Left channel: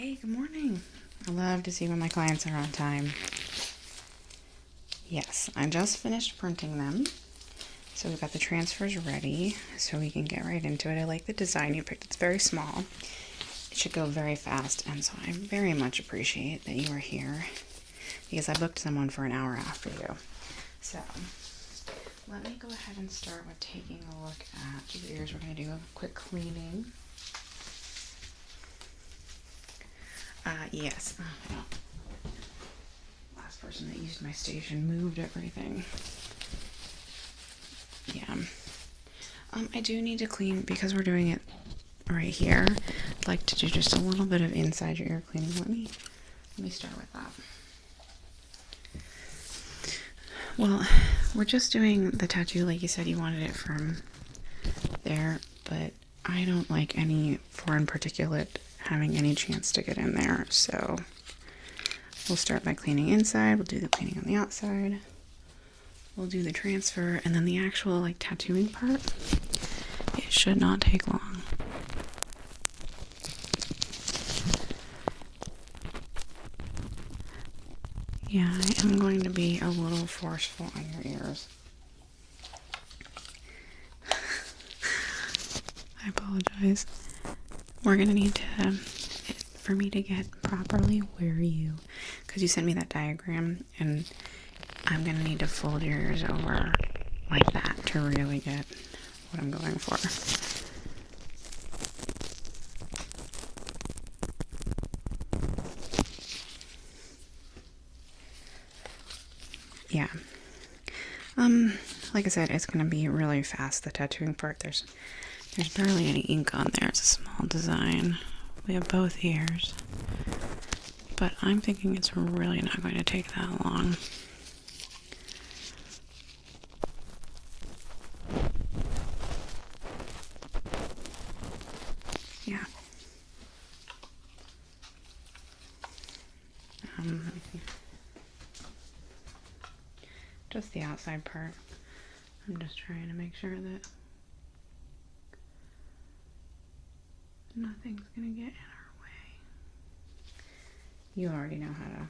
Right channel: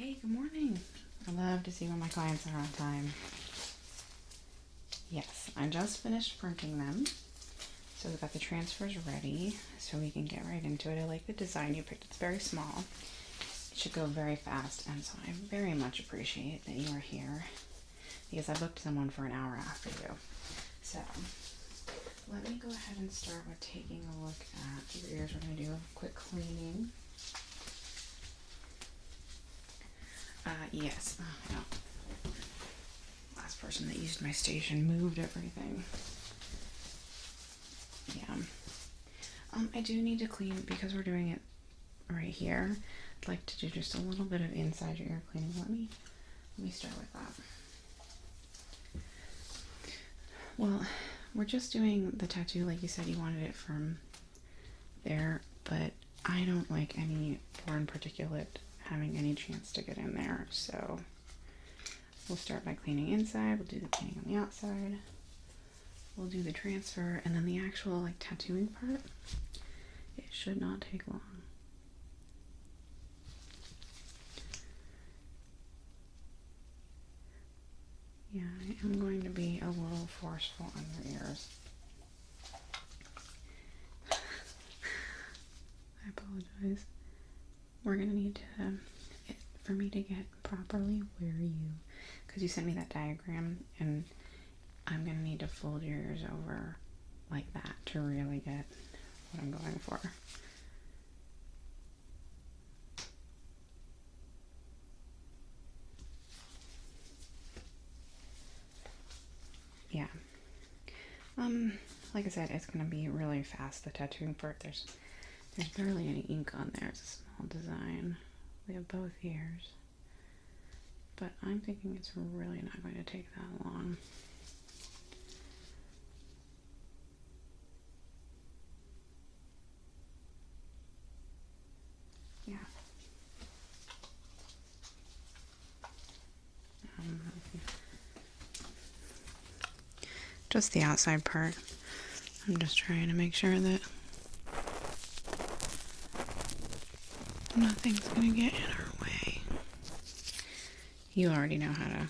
Hey, good morning. I love to see when my clients are on time. Yes, I just finished printing them. So we've got the transfers ready so we can get right into it. I like the design you picked. It's very small. It should go very fast, and so I very much appreciate that you are here because I booked someone for an hour after you. So let me go ahead and start with taking a look at your ears. We're going to do a quick cleaning. Yes. Oh, well. Last person that used my station moved everything. Yeah. I do need to clean because we're doing it right here. I'd like to do just a little bit of inside your ear cleaning. Let me start with that. Well, we're just doing the tattoo like you said you wanted it from there, but I don't like any foreign particulate having any chance to get in there, so we'll start by cleaning inside. We'll do the cleaning on the outside. We'll do the transfer, and then the actual like tattooing part, it should not take long. Yeah, I am going to be a little forceful on your ears. I apologize. We're gonna need to, for me to get properly where you, because you sent me that diagram, and I'm gonna need to fold your ears over like that to really get what I'm going for. Yeah. Like I said, it's gonna be really fast, the tattooing part. There's barely any ink on there. It's a small design. We have both ears. But I'm thinking it's really not going to take that long. Yeah. Just the outside part. I'm just trying to make sure that nothing's gonna get in our way. You already know how to.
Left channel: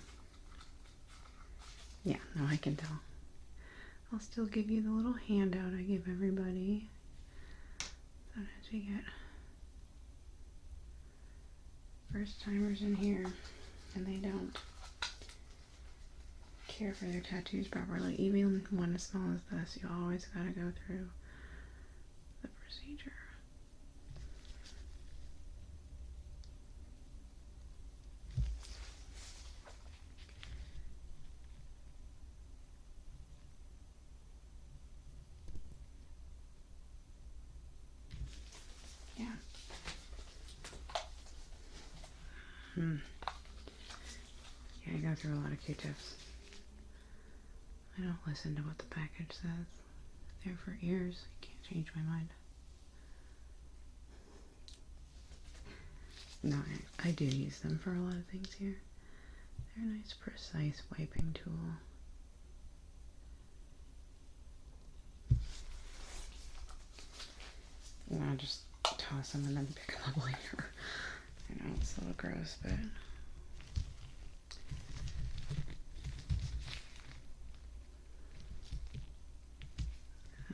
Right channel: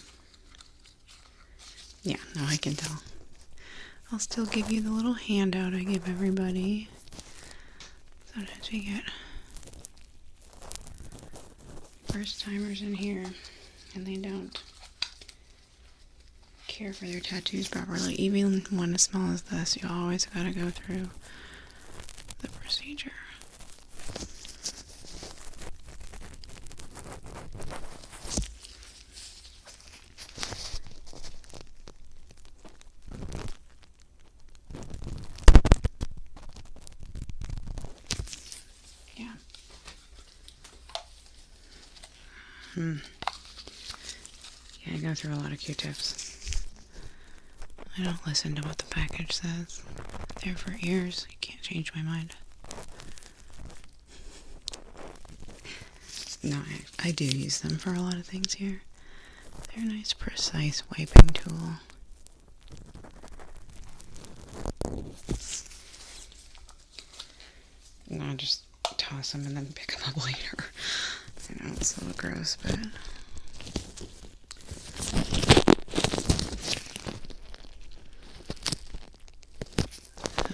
Yeah, no, I can tell. I'll still give you the little handout I give everybody. Sometimes we get first timers in here and they don't care for their tattoos properly. Even one as small as this, you always gotta go through the procedure. Yeah. Yeah, I go through a lot of Q-tips. I don't listen to what the package says. They're for ears. You can't change my mind. No, I do use them for a lot of things here. They're a nice, precise wiping tool. No, I just toss them and then pick them up later. I know it's a little gross, but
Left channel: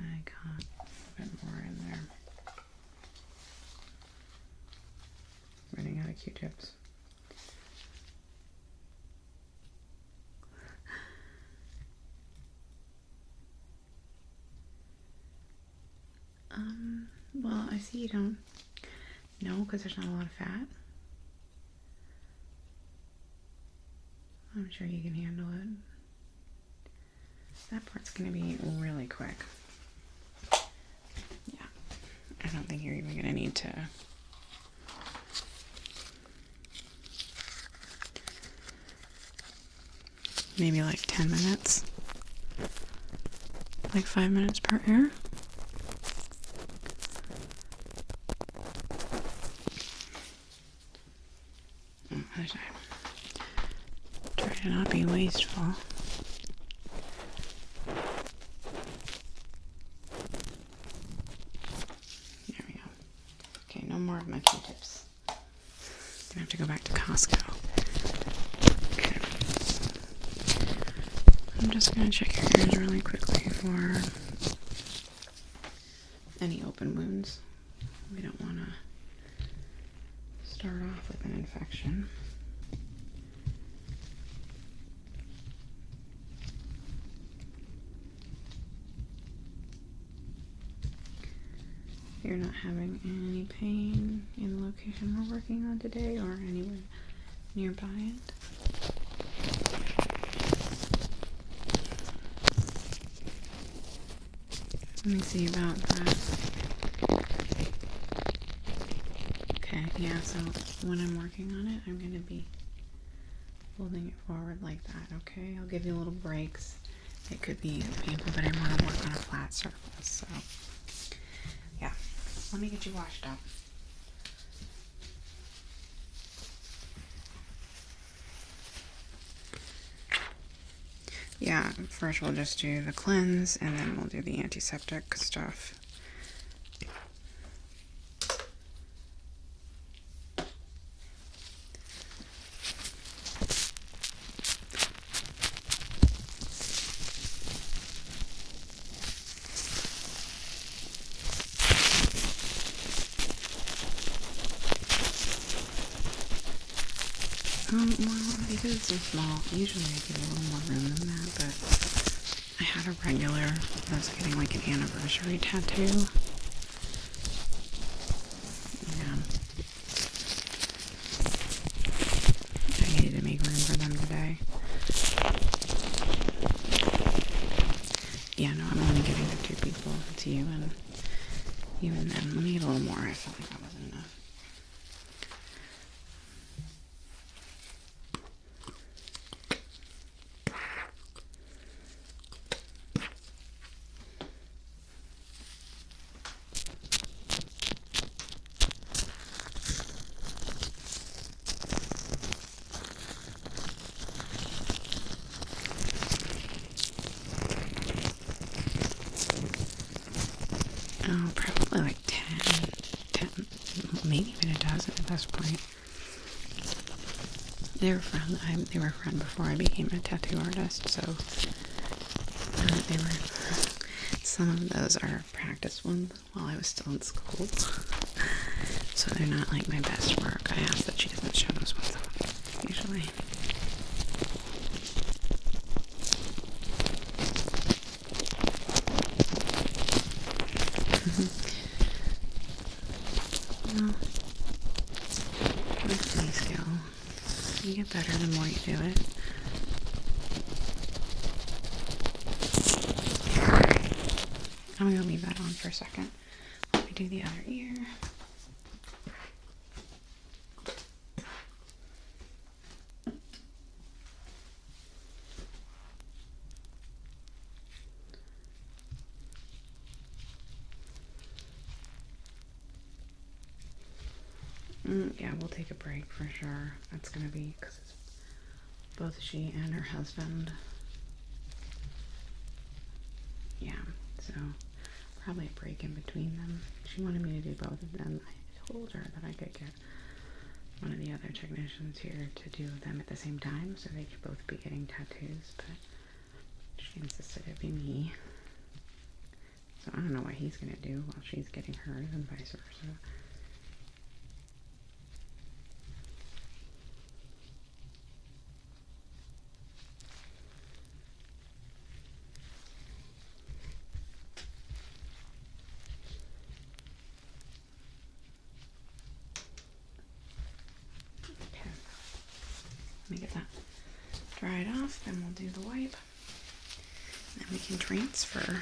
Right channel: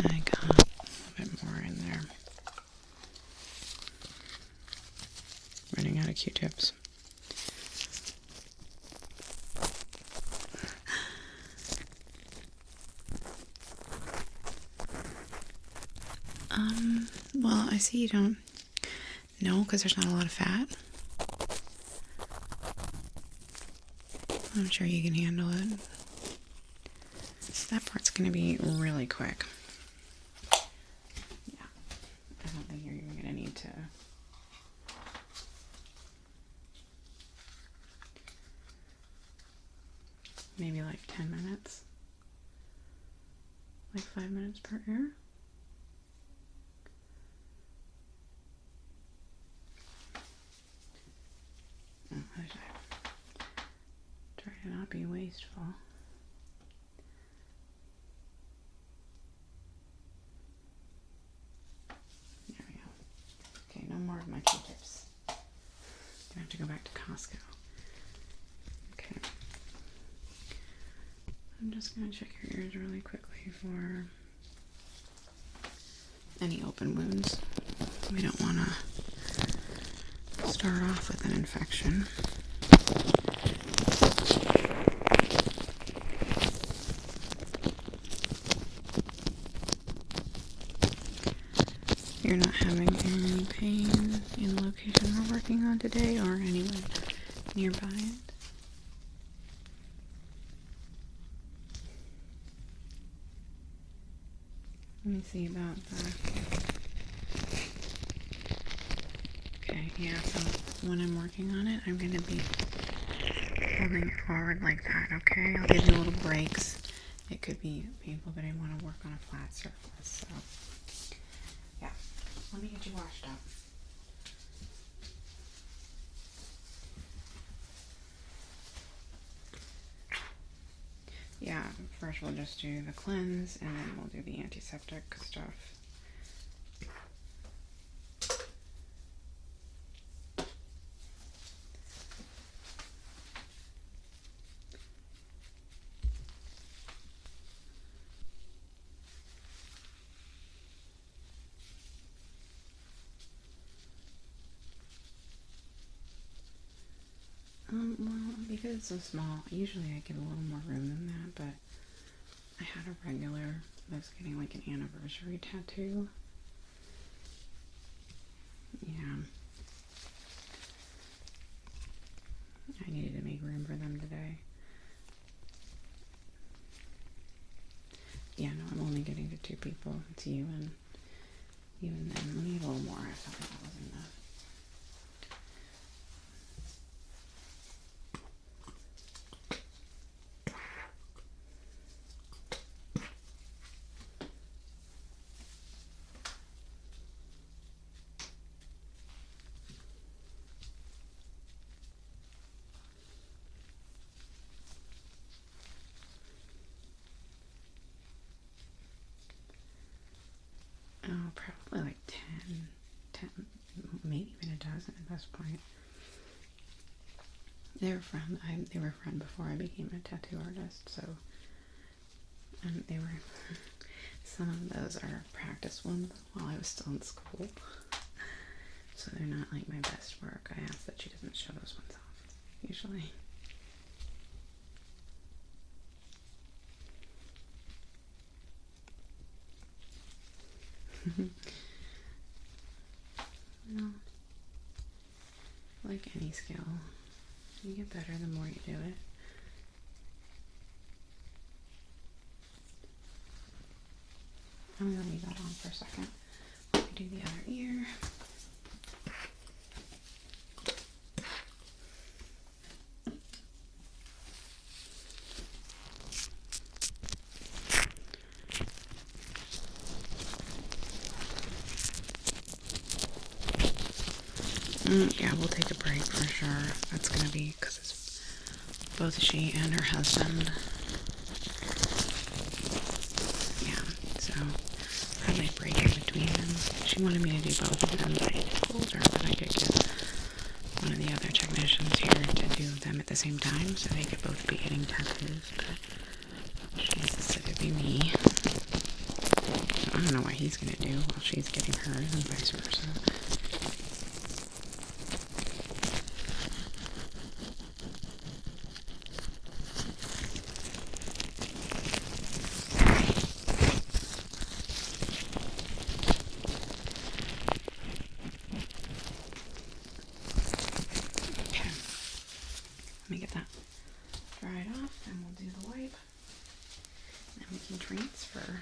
I got a bit more in there. Running out of Q-tips. Well, I see you don't know because there's not a lot of fat. I'm sure you can handle it. That part's going to be really quick. Yeah, I don't think you're even going to need to. Maybe like 10 minutes. Like 5 minutes per ear. Try to not be wasteful. There we go. Okay, no more of my Q-tips. gonna have to go back to Costco. Okay. I'm just gonna check your ears really quickly for any open wounds. We don't want to start off with an infection. You're not having any pain in the location we're working on today or anywhere nearby it? Let me see about that. Okay, yeah, so when I'm working on it, I'm going to be holding it forward like that, okay? I'll give you little breaks. It could be painful, but I want to work on a flat surface, so yeah. Let me get you washed up. Yeah, first we'll just do the cleanse, and then we'll do the antiseptic stuff. Well, because it's so small, usually I give you a little more room than that, but I had a regular that was getting like an anniversary tattoo. Yeah. I needed to make room for them today. Yeah, no, I'm only giving it to 2 people. It's you, and even then, we need a little more. I felt like that wasn't enough. Oh, probably like 10, maybe even a dozen at this point. They were a friend before I became a tattoo artist, so they were. Some of those are practice ones while I was still in school, so they're not like my best work. I ask that she doesn't show those ones off usually. Well, with any skill, you get better the more you do it. I'm gonna leave that on for a second. Let me do the other ear. Yeah, we'll take a break for sure. That's gonna be because it's both she and her husband. Yeah, so probably a break in between them. She wanted me to do both of them, but I told her that I could get one of the other technicians here to do them at the same time, so they could both be getting tattoos, but she insisted it'd be me. I don't know what he's gonna do while she's getting hers and vice versa. Let me get that dried off, then we'll do the wipe. Then we can transfer.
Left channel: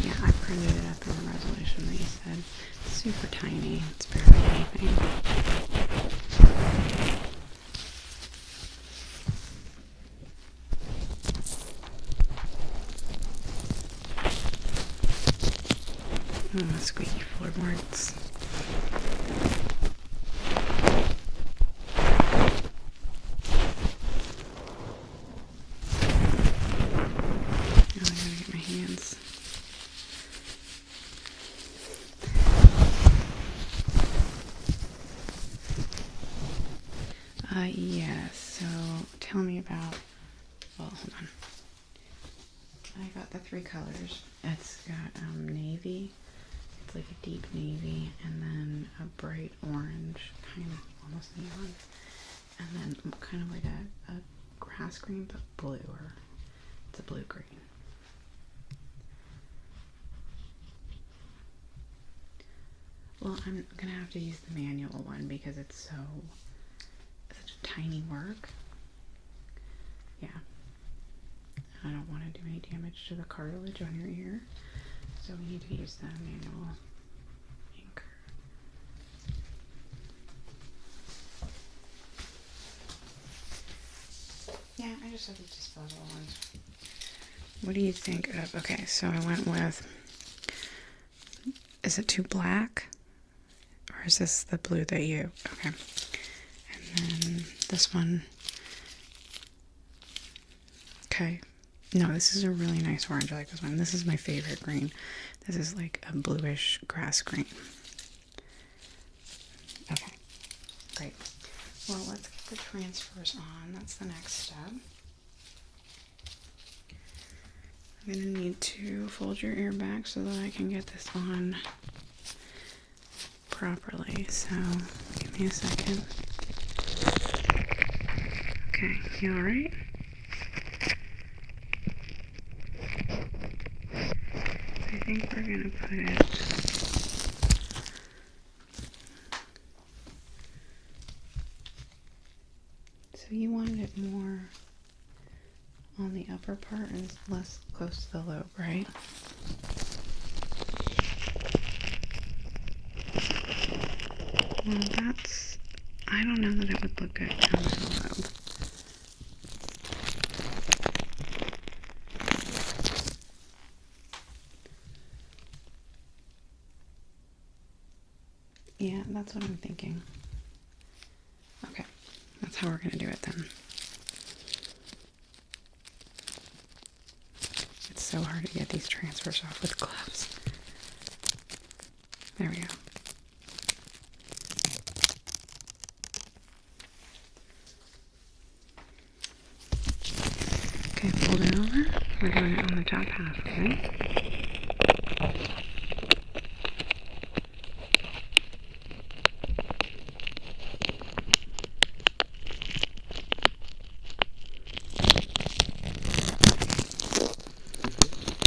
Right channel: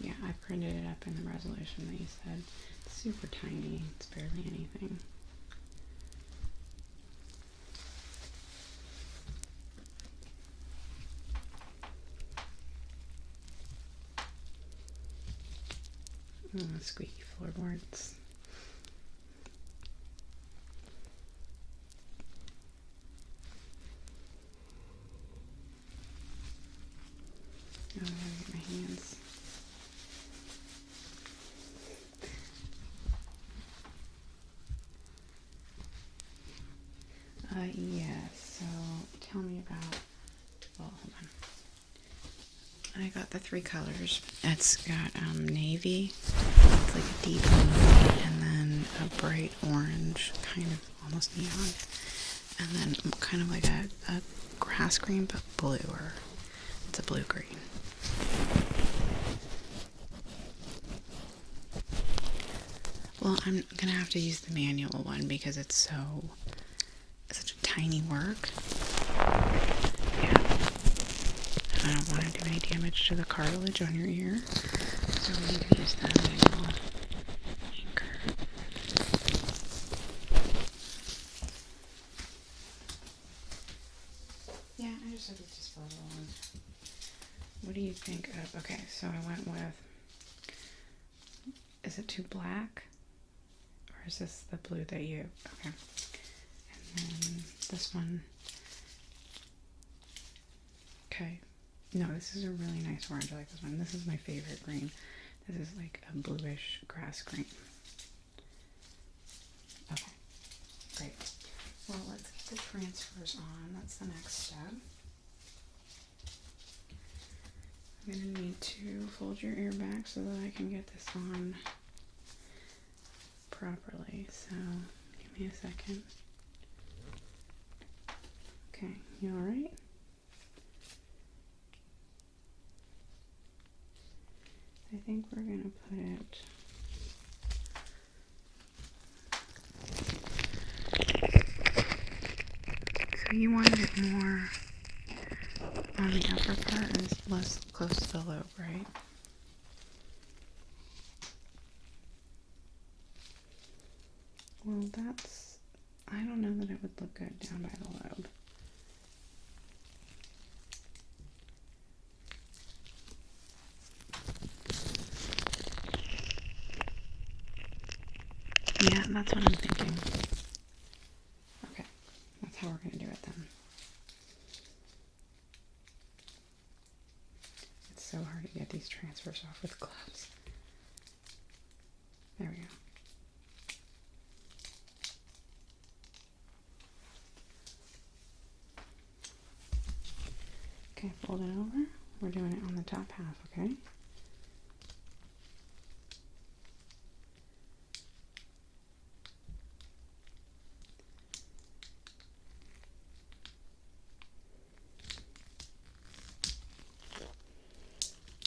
Yeah, I printed it up in the resolution that you said. It's super tiny. It's barely anything. Oh, squeaky floorboards. Oh, I gotta get my hands. Yes. So tell me about, well, hold on. I got the 3 colors. It's got navy, it's like a deep blue, and then a bright orange, kind of almost neon, and then kind of like a grass green, but bluer. It's a blue green. Well, I'm gonna have to use the manual one because it's such a tiny work. Yeah. I don't want to do any damage to the cartilage on your ear, so we need to use the manual ink. Yeah, I just have these disposable ones. What do you think of? Okay, so I went with. Is it too black? Or is this the blue that you. Okay. And then this one. Okay. No, this is a really nice orange. I like this one. This is my favorite green. This is like a bluish grass green. Okay. Great. Well, let's get the transfers on. That's the next step. I'm going to need to fold your ear back so that I can get this on properly. So, give me a second. Okay, you alright? I think we're going to put it so you wanted it more on the upper part and less close to the lobe, right? Well, I don't know that it would look good down the lobe. Yeah, that's what I'm thinking. Okay, that's how we're going to do it then. It's so hard to get these transfers off with gloves. There we go. Okay, fold it over. We're doing it on the top half of it.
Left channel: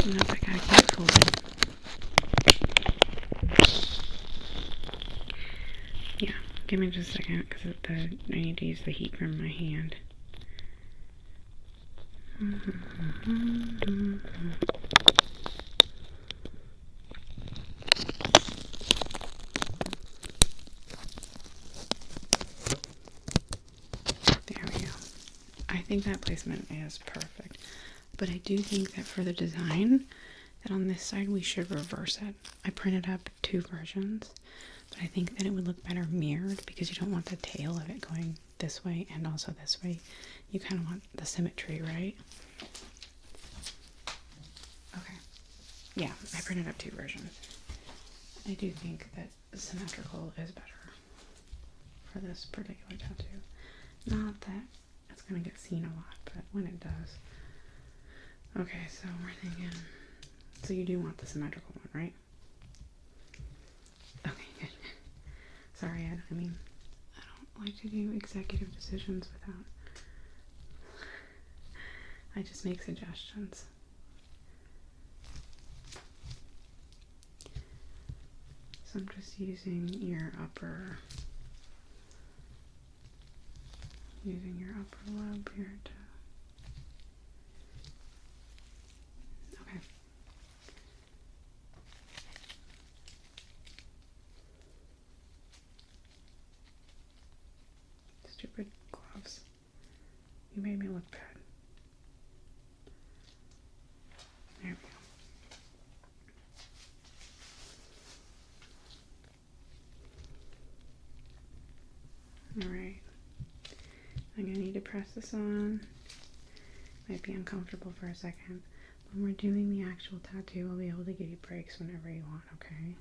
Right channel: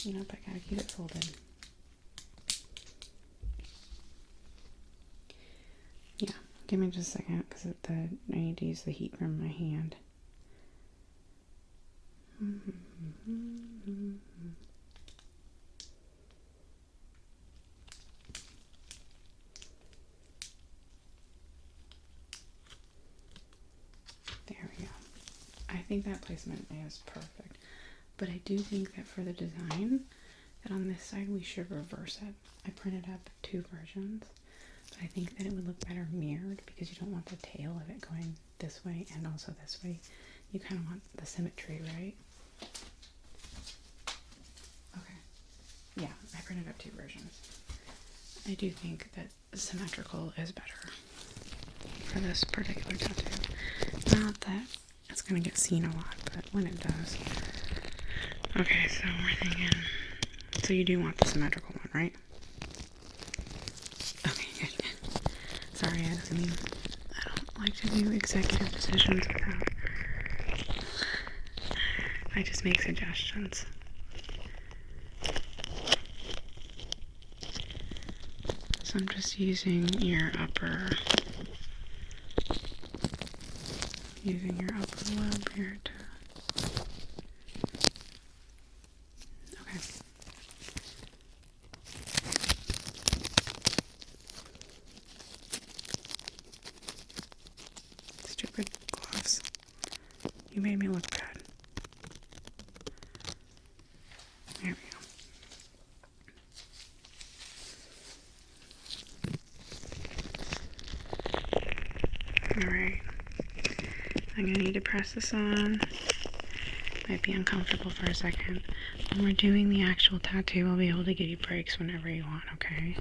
Nope, I gotta keep folding. Yeah, give me just a second because I need to use the heat from my hand. There we go. I think that placement is perfect. But I do think that for the design, that on this side we should reverse it. I printed up 2 versions, but I think that it would look better mirrored because you don't want the tail of it going this way and also this way. You kind of want the symmetry, right? Okay. Yeah, I printed up 2 versions. I do think that symmetrical is better for this particular tattoo. Not that it's going to get seen a lot, but when it does. Okay, so we're thinking, so you do want the symmetrical one, right? Okay, good. Sorry, I don't like to do executive decisions without, I just make suggestions. So I'm just using your upper lobe here to. Okay. Stupid gloves. You made me look bad. There we go. Alright. I'm going to need to press this on. Might be uncomfortable for a second. When we're doing the actual tattoo, I'll be able to give you breaks whenever you want, okay?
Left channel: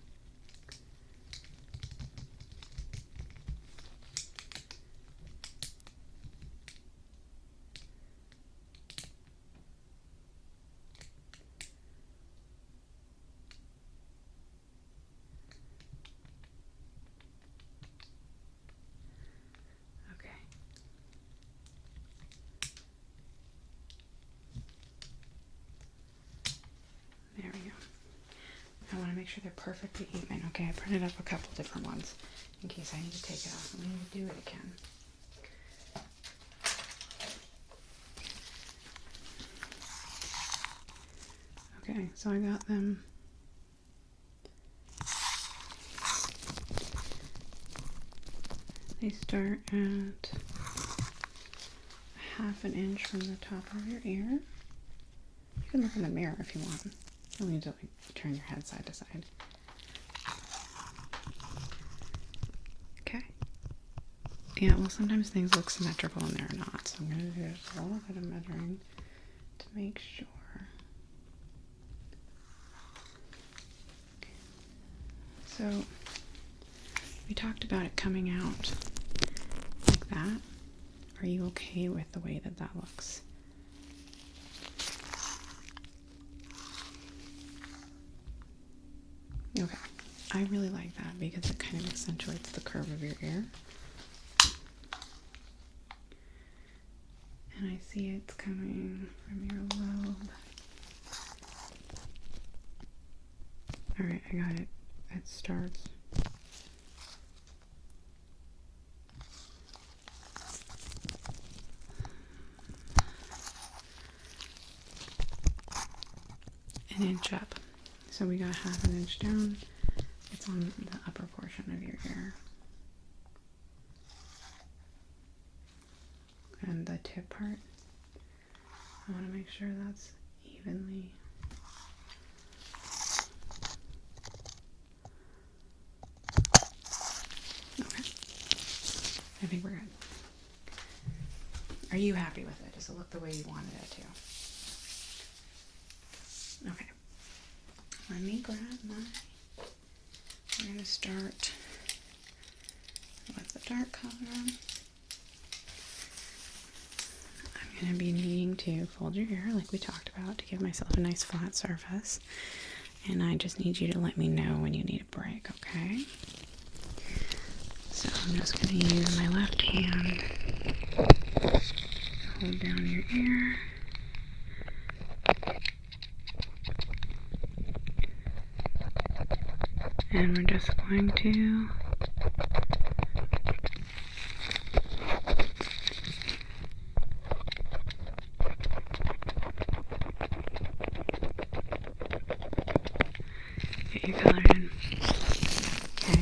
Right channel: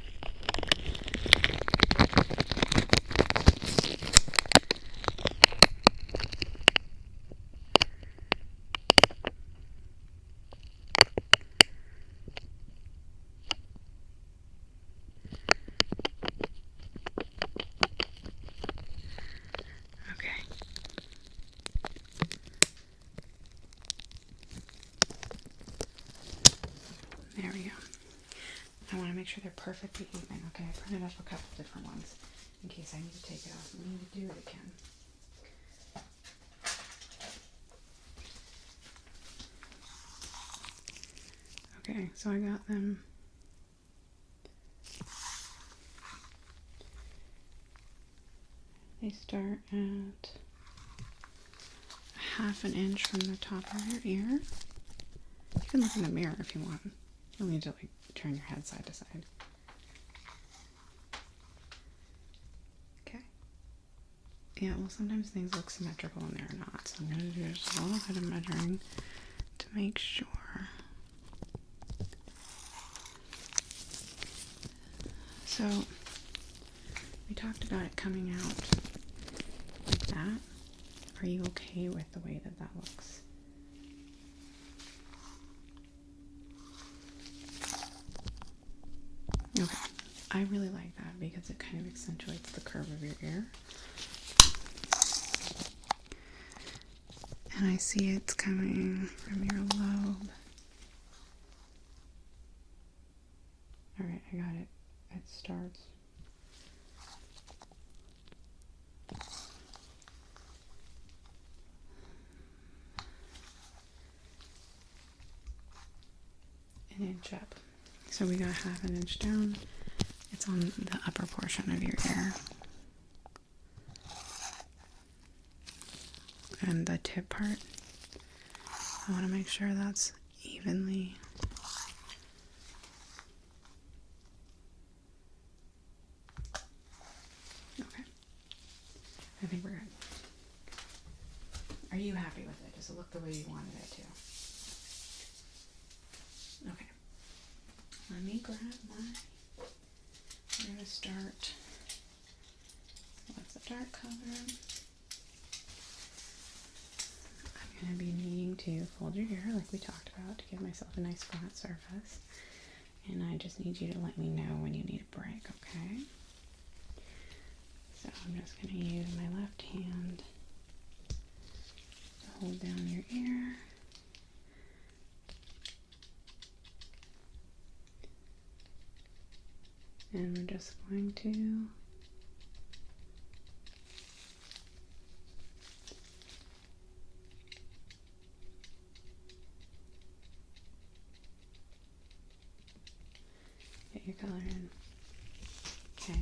sure they're perfectly even. Okay, I printed up a couple different ones in case I need to take it off and I need to do it again. Okay, so I got them. They start at 1/2 inch from the top of your ear. You can look in the mirror if you want. You'll need to like turn your head side to side. Okay. Yeah, well sometimes things look symmetrical and they're not, so I'm gonna do just a little bit of measuring to make sure. So we talked about it coming out like that. Are you okay with the way that that looks? Okay, I really like that because it kind of accentuates the curve of your ear. And I see it's coming from your lobe. Alright, I got it. It starts. An inch up. So we got 1/2 inch down. It's on the upper portion of your ear. And the tip part, I want to make sure that's evenly. Okay. I think we're good. Are you happy with it? Does it look the way you wanted it to? Okay. Let me grab my... I'm going to start with the dark color. I'm going to be needing to fold your hair like we talked about to give myself a nice flat surface. And I just need you to let me know when you need a break, okay? So I'm just going to use my left hand to hold down your ear. And we're just going to get your color in. Okay.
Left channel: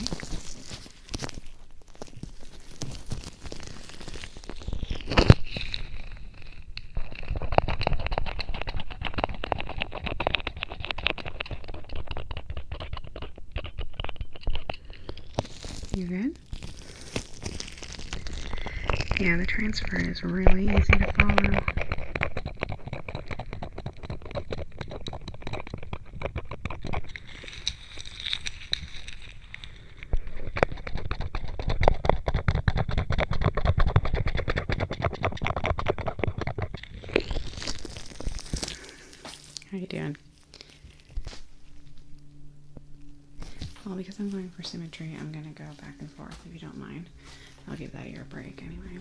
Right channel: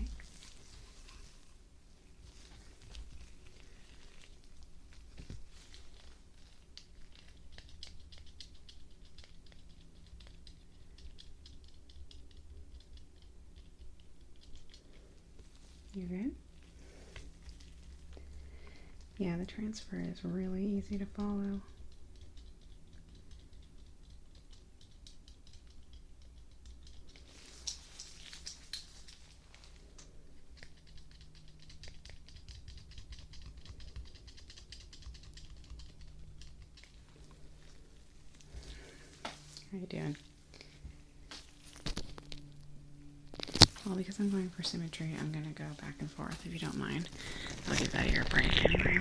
You good? Yeah, the transfer is really easy to follow. How you doing? Well, because I'm going for symmetry, I'm going to go back and forth if you don't mind. I'll give that ear a break anyway.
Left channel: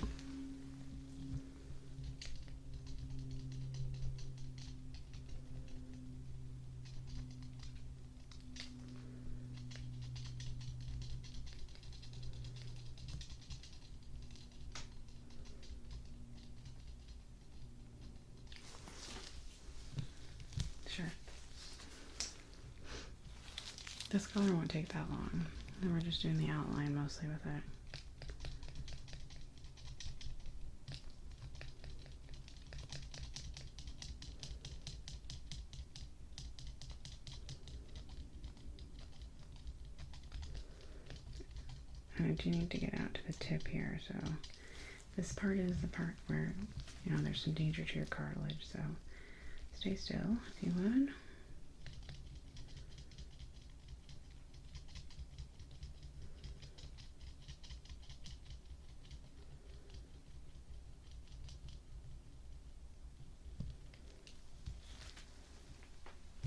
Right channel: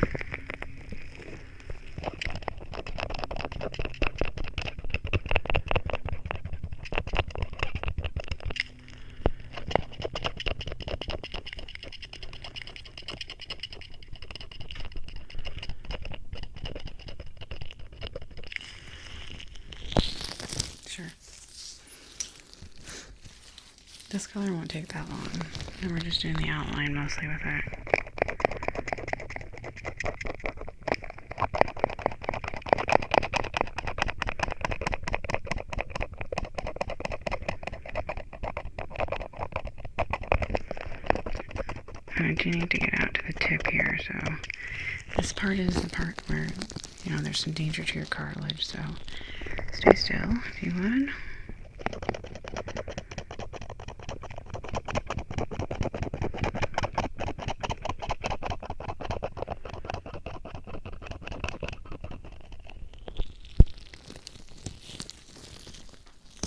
Sure. This color won't take that long. And we're just doing the outline mostly with it. And I do need to get out to the tip here, so this part is the part where, you know, there's some danger to your cartilage, so stay still if you would.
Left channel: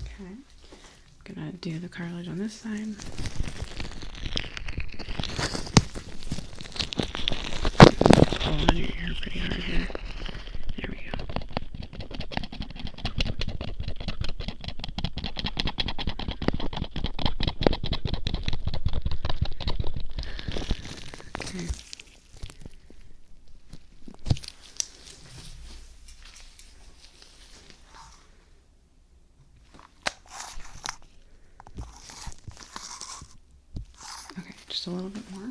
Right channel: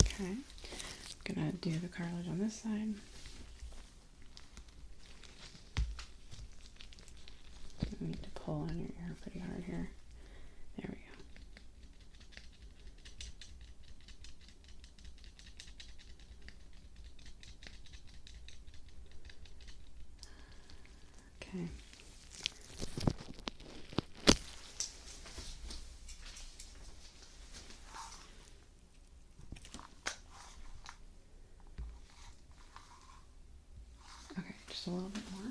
Okay, gonna do the cartilage on this side. Pull on your ear pretty hard here. There we go. Okay. Okay, just a little bit more.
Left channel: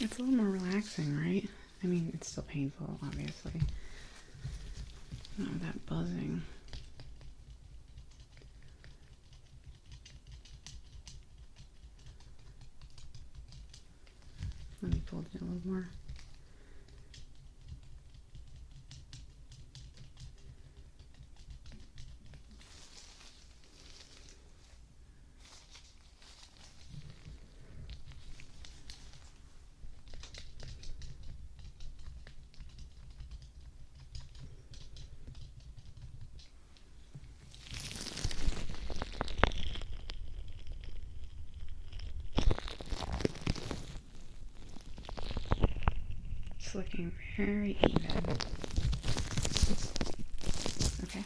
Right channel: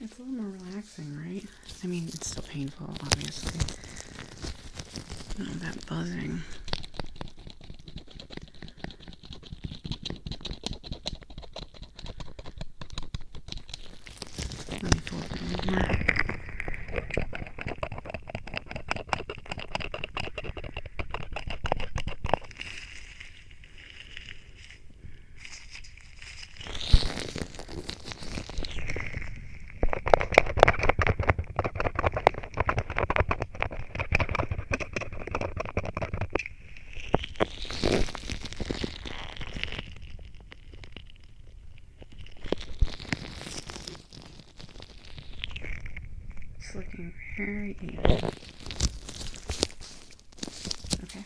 It's a little more relaxing, right? I mean, it's still painful, obviously. That buzzing. Let me pull it a little more. It's looking very even. Okay,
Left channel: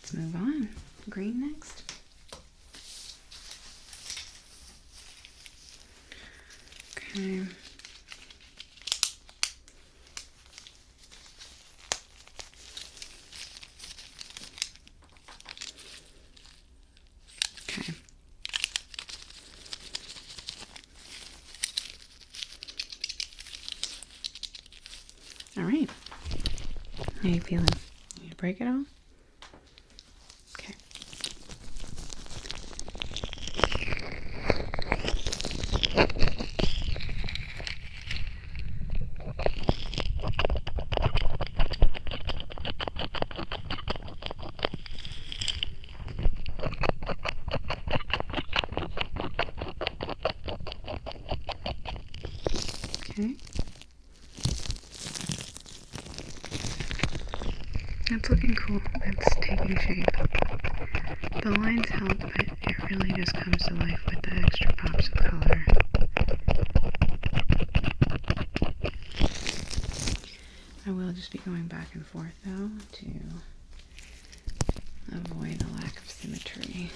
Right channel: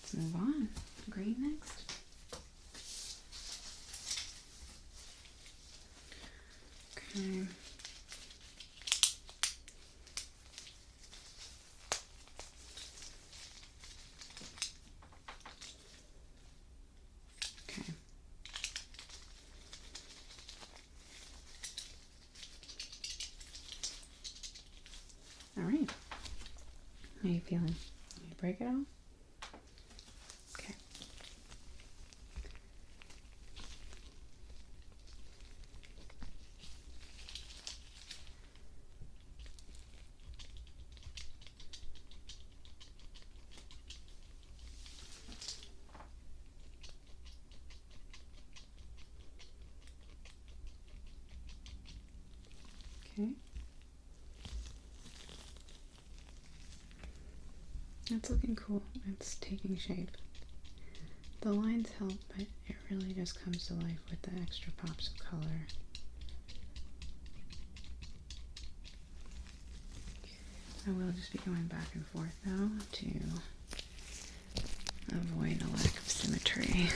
let's move on. Green next. Okay. Okay. All right. How are you feeling? You break it all? Okay. Okay. That's looking cool. It's taking shape. The lines help, but it really just comes to life with the extra pops of color. I will just be going back and forth though to avoid a lack of symmetry.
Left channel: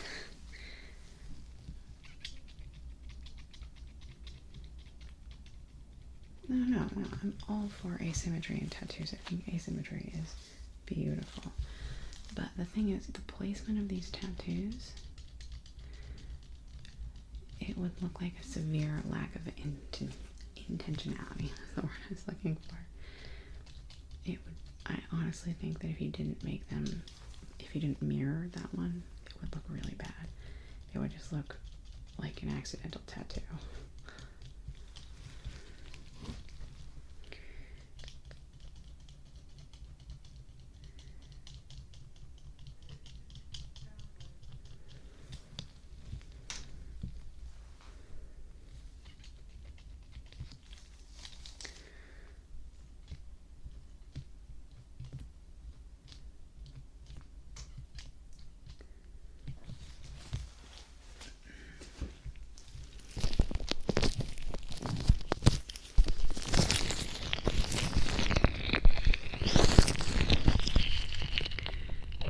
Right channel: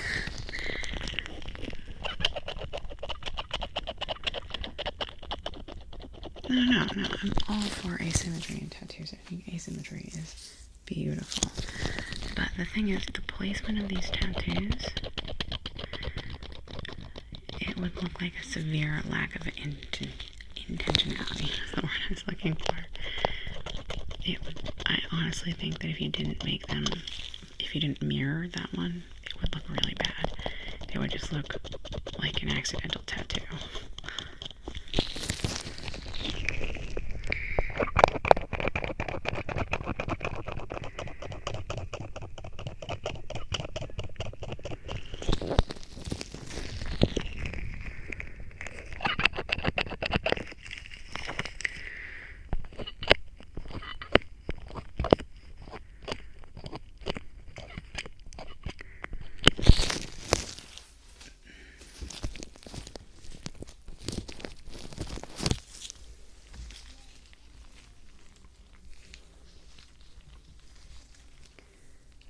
No, I'm all for asymmetry in tattoos. I think asymmetry is beautiful. But the thing is, the placement of these tattoos, it would look like a severe lack of intentionality. That's the word I was looking for. I honestly think that if you didn't make them, if you didn't mirror that one, it would look really bad. It would just look like an accidental tattoo.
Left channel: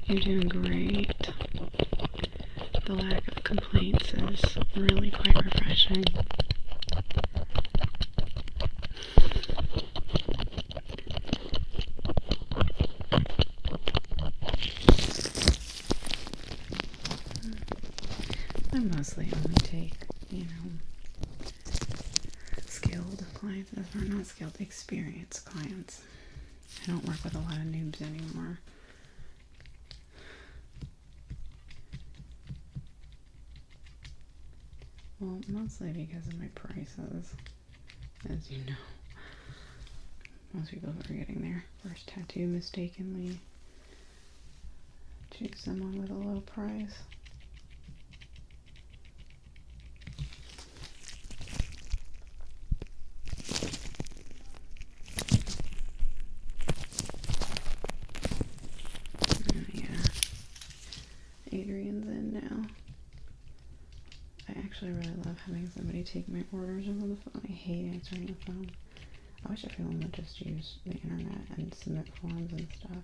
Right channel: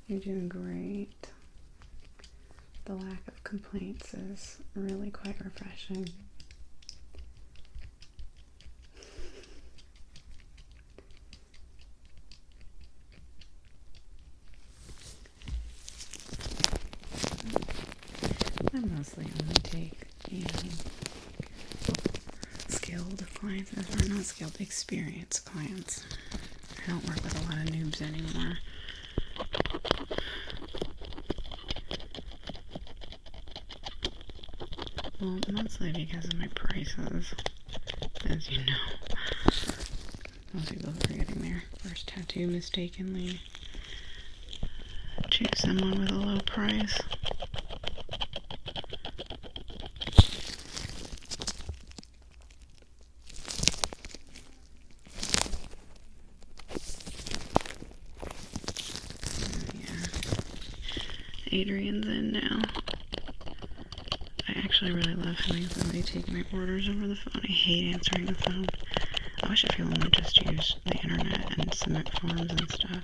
You're doing great. The lack of complaints is really quite refreshing. I mostly only take, skilled clients. Well, not skilled, experienced clients. I don't work with a lot of noobs anymore. Well, mostly because of my prices, as you know. Most people are getting their first tattoo mistakenly choose someone with a low price. Adrian's in now. I actually really love having somebody take my orders over the phone. I hate answering the phone. I wish everyone would just use the internet and submit forms and stuff.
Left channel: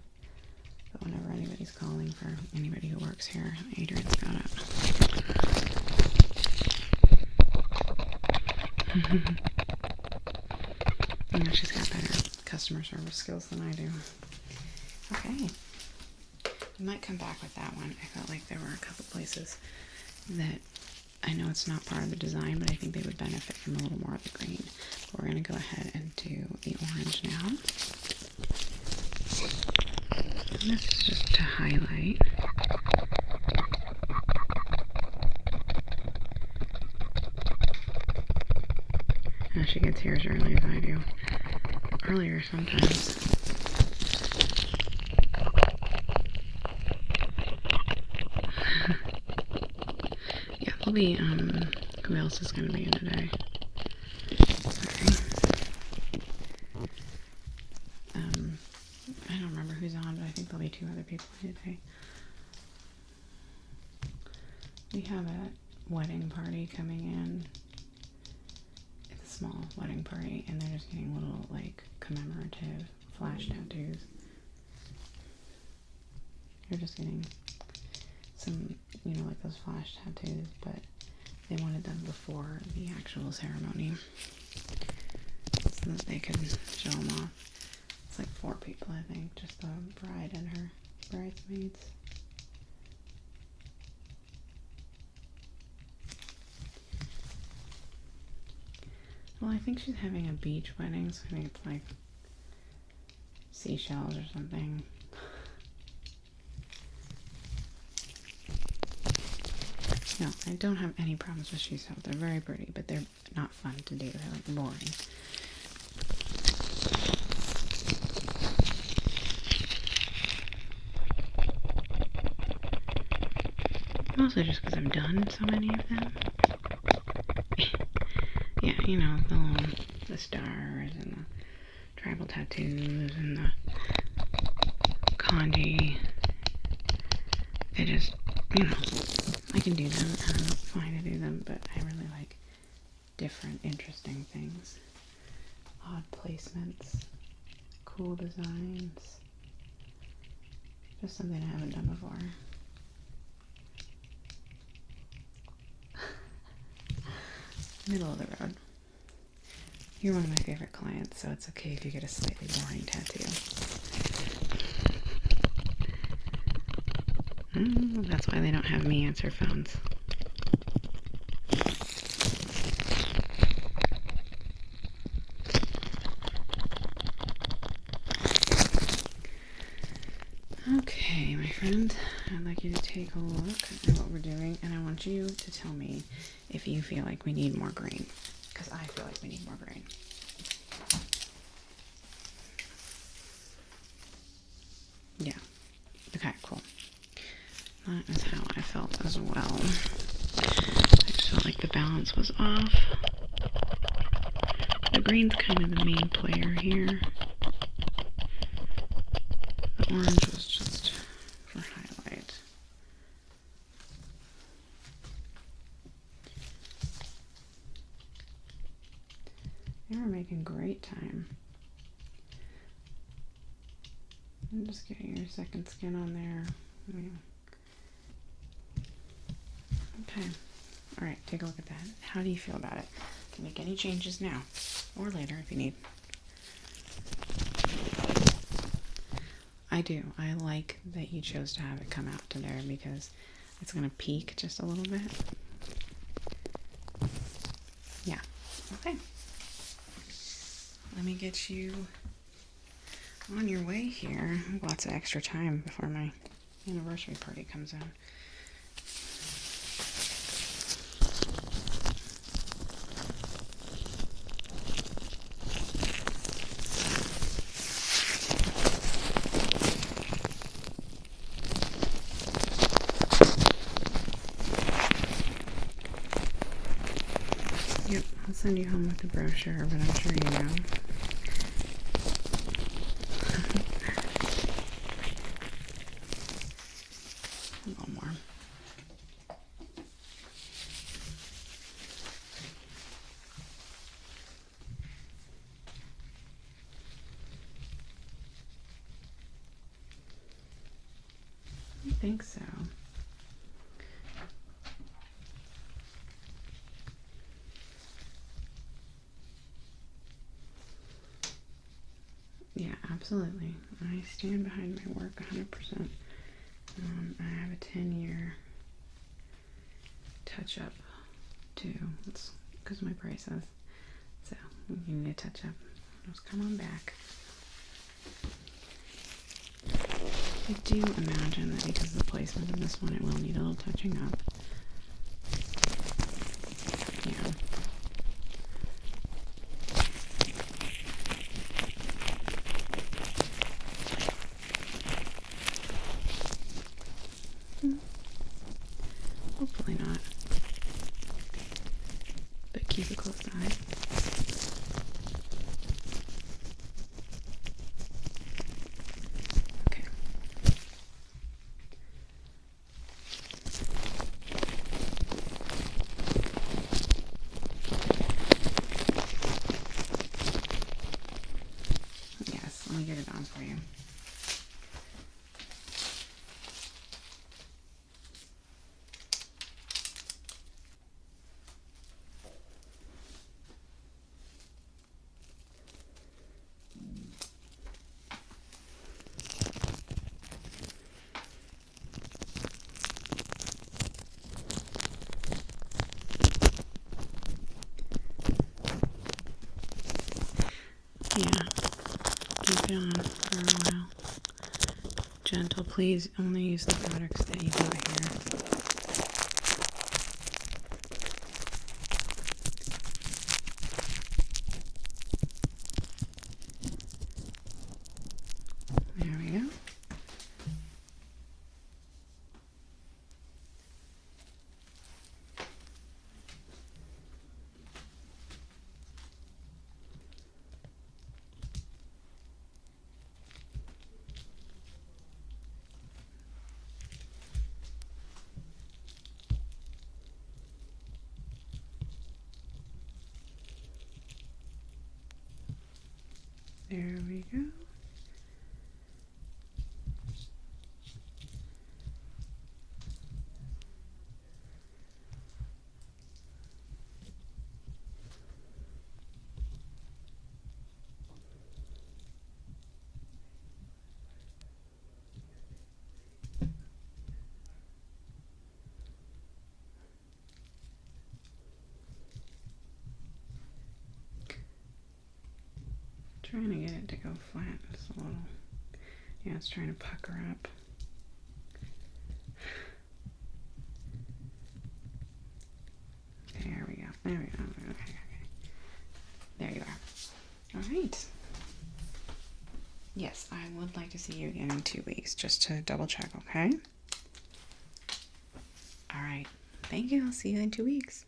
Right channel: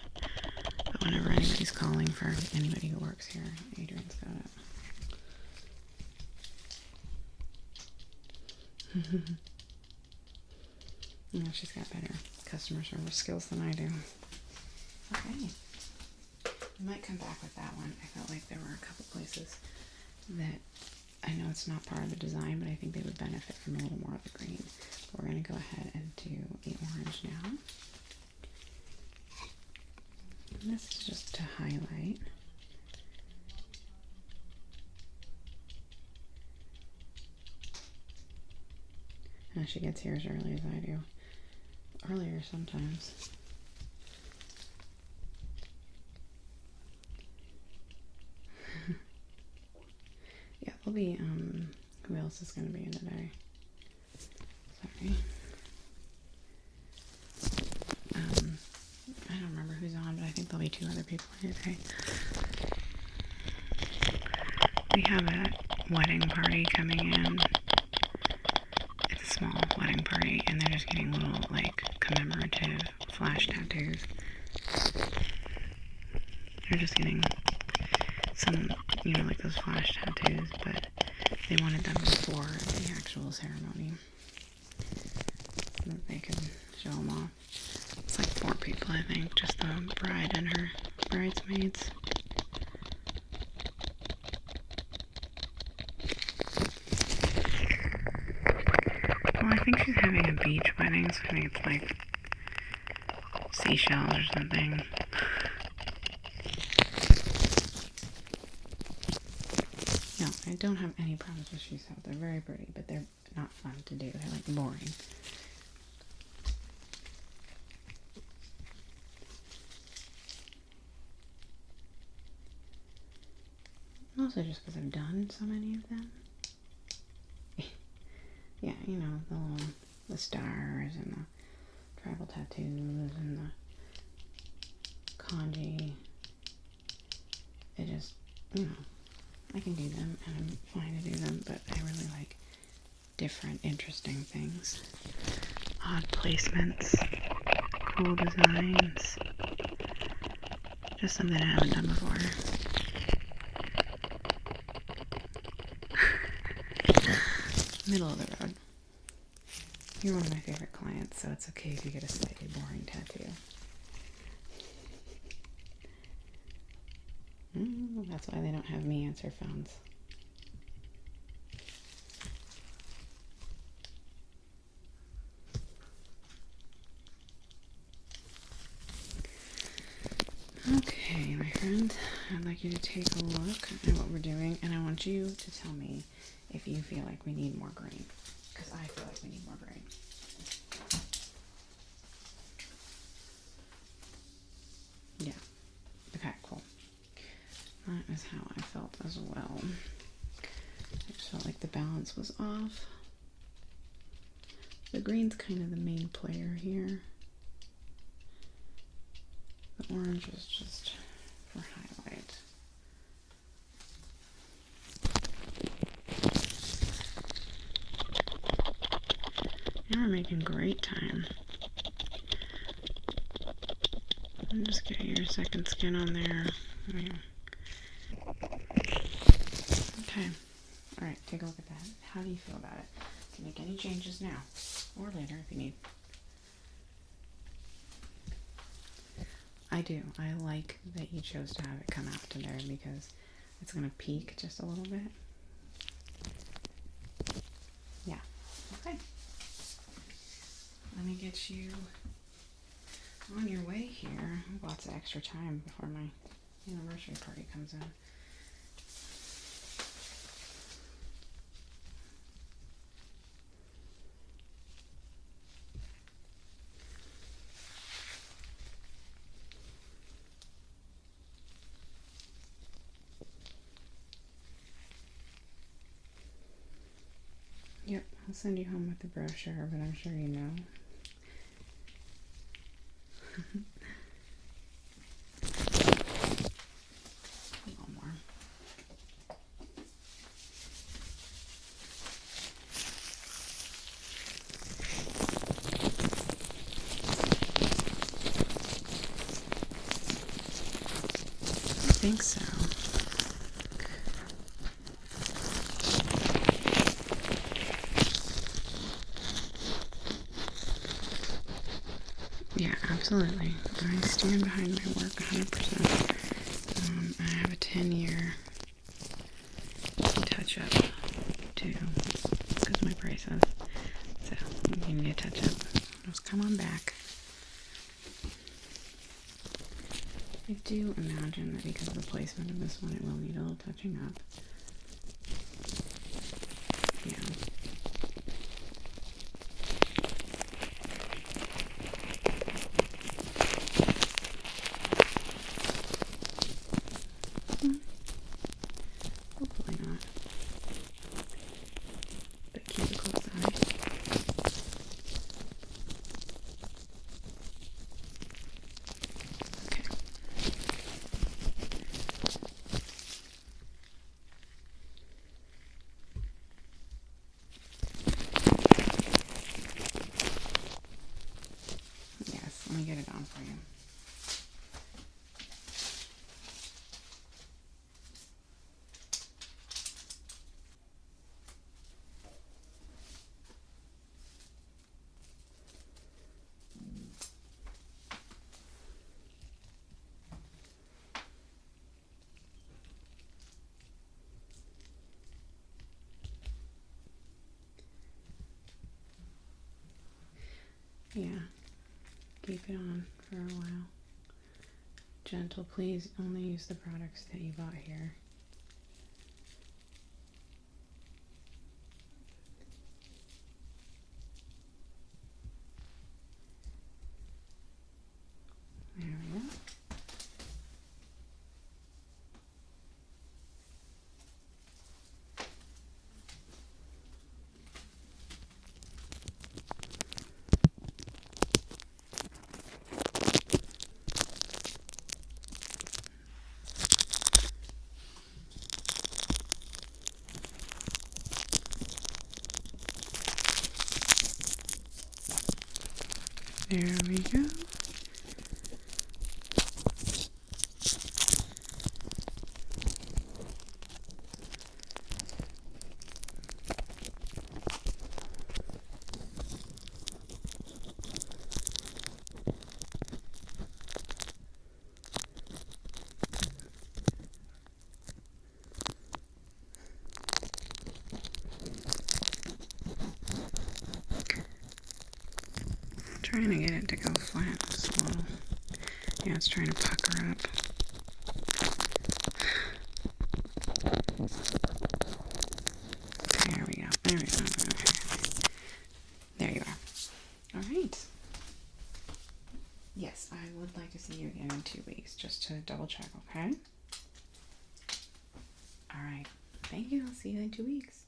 But whenever anybody's calling for anybody who works here, Adrian's got it. You know, she's got better customer service skills than I do. Okay. I might come back with that one. I felt like there were a couple places that I know it's not part of the design, but I think they would benefit from a little more of the green. But we're going to go ahead and do the orange now. And this is just to highlight. And she gets here as early as I do. Earlier sometimes. Yeah, there'll be, who else is going to be in today? Sorry. I don't remember who's on, but I think there'll be 2 other people here today. We have a wedding party coming in. It's a small wedding party, and they're just getting little, like, commemorative flash tattoos. They're just getting some, you know, like those flash tattoos, but they wanted them before the actual ceremony so that they could show them off. It's like 4 people, I think, just the bride and her bridesmaids. Well, I think she's having a beach wedding, so I think it's like seashells or something. No, I don't have any problems with seashells. They're very pretty, but they're not fun to do. They're like boring. Mostly just because I've done so many of them. Yeah, you know, the stars and the tribal tattoos and the kanji. They just, you know, I can do them. I'm fine to do them, but I really like different, interesting things. Odd placements, cool designs. Just something I haven't done before. Middle of the road. You're one of my favorite clients, so it's okay if you get a slightly boring tattoo. That's why they don't have me answer phones. Okay, my friend, I'd like you to take a look at what we're doing, and I want you to tell me if you feel like we need more green, because I feel like we need more green. Yeah. Okay, cool. That is how I felt as well. I just felt like the balance was off. The green's kind of the main player here. The orange was just for highlight. And we're making great time. And just get your second skin on there. Okay. Alright, take a look at that. How do you feel about it? You can make any changes now or later if you need. I do. I like that you chose to have it come out today because it's going to peak just a little bit. Yeah. Okay. Let me get you on your way here. Lots of extra time before my anniversary party comes in. Yep, I'll send you home with the brochure, but I'm sure you know. A little more. think so. Yeah, absolutely. I stand behind my work 100%. I have a 10-year touch-up too, because my braces. So you need a touch-up. Just come on back. I do imagine that because of the placement of this one, it will need a little touching up. Yeah. Hopefully not. But keep a close eye. Okay. Yes, let me get it on for you. Yeah, keep it on for a while. Gentle, please. Only use the products that you put here. There we go. There we go. Trying to get it to go flat as well. Yeah, it's trying to pucker up. There we go. There we go. There you are. All right. Yes, I would like to see you again in 2 weeks, just to double check, okay? All right. Thank you. I'll see you in 2 weeks.